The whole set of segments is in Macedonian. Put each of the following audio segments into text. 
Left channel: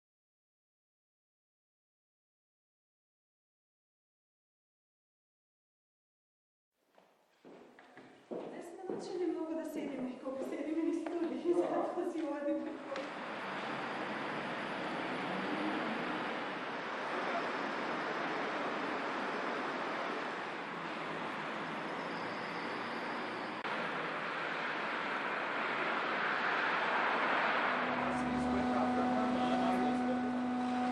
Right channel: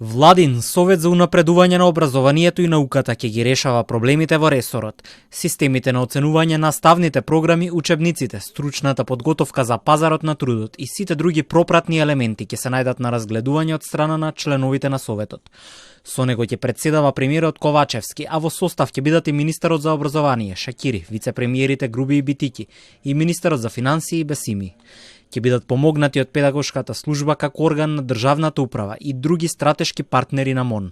Владин совет за унапредување на образованието и науката ќе ги решава проблемите во ресорот, системите на оценување на наставните програми, учебниците, стручната подготовка за пазарот на трудот и сите други пропратни елементи ќе се најдат на разгледување од страна на членовите на советот. Со него ќе председава премиерот Ковачевски, а во состав ќе бидат и министерот за образование Шакири, вице-премиерите Груби и Битики и министерот за финансии Бесими. Ќе бидат помогнати од педагошката служба како орган на државната управа и други стратешки партнери на МОН.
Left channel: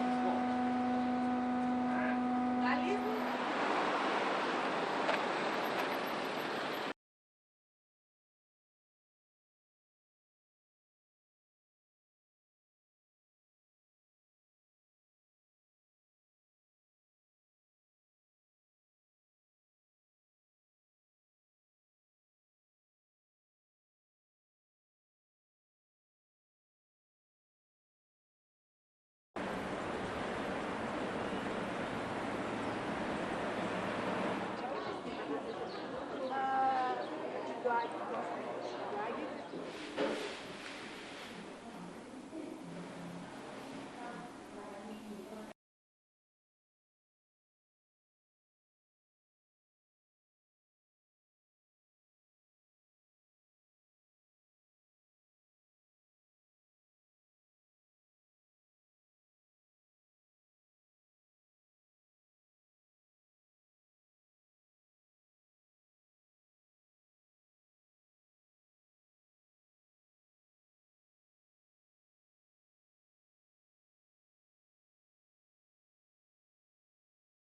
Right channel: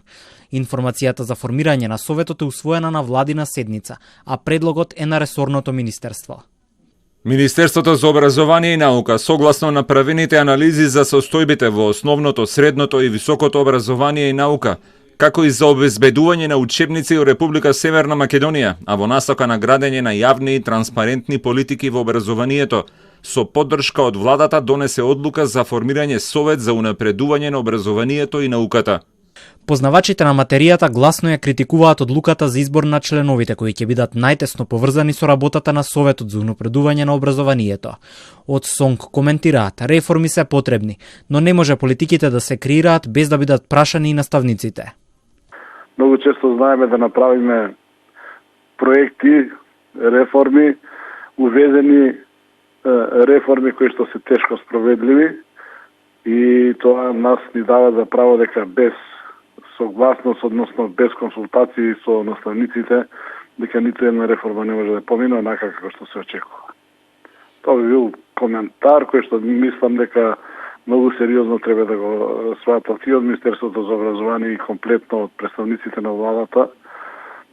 Информацијата за формирање на советот е усвоена на владина седница, а предлогот е на ресорното министерство. Министерството за образование и наука, согласно направените анализи за состојбите во основното, средното и високото образование и наука, како и за обезбедување на учебници во Република Северна Македонија, а во насока на градење на јавни и транспарентни политики во образованието, со поддршка од владата донесе одлука за формирање совет за унапредување на образованието и науката. Познавачите на материјата гласно ја критикуваат одлуката за избор на членовите кои ќе бидат најтесно поврзани со работата на Советот за унапредување на образованието. Од СОНК коментираат, реформи се потребни, но не може политиките да се креираат без да бидат прашани и наставниците. Многу често знаеме да направиме проекти, реформи, увезени реформи кои што се тешко спроведливи и тоа нас ни дава за право дека без согласност, односно без консултации со наставниците, дека ниту една реформа не може да помине онака како што се очекува. Тоа би бил коментар кој што мислам дека многу сериозно треба да го сватат и од Министерството за образование и комплетно од представниците на владата,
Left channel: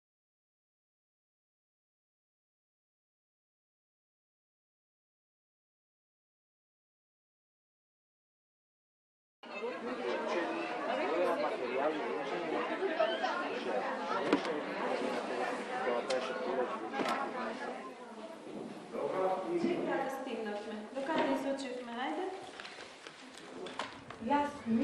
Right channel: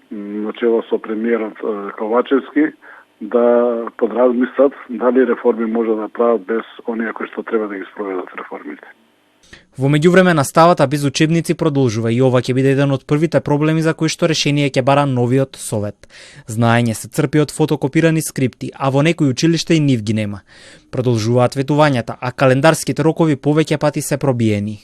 начело со премиерот Ковачевски, да подразмислат дали реформи може да прават без оние кои што треба да ги спроведат реформите. Во меѓувреме наставата без учебници продолжува и ова ќе биде еден од првите проблеми за кои што решение ќе бара новиот совет. Знаење се црпи од фотокопирани скрипти, а во некои училишта и нив ги нема. Продолжуваат ветувањата, а календарските рокови повеќе пати се пробиени.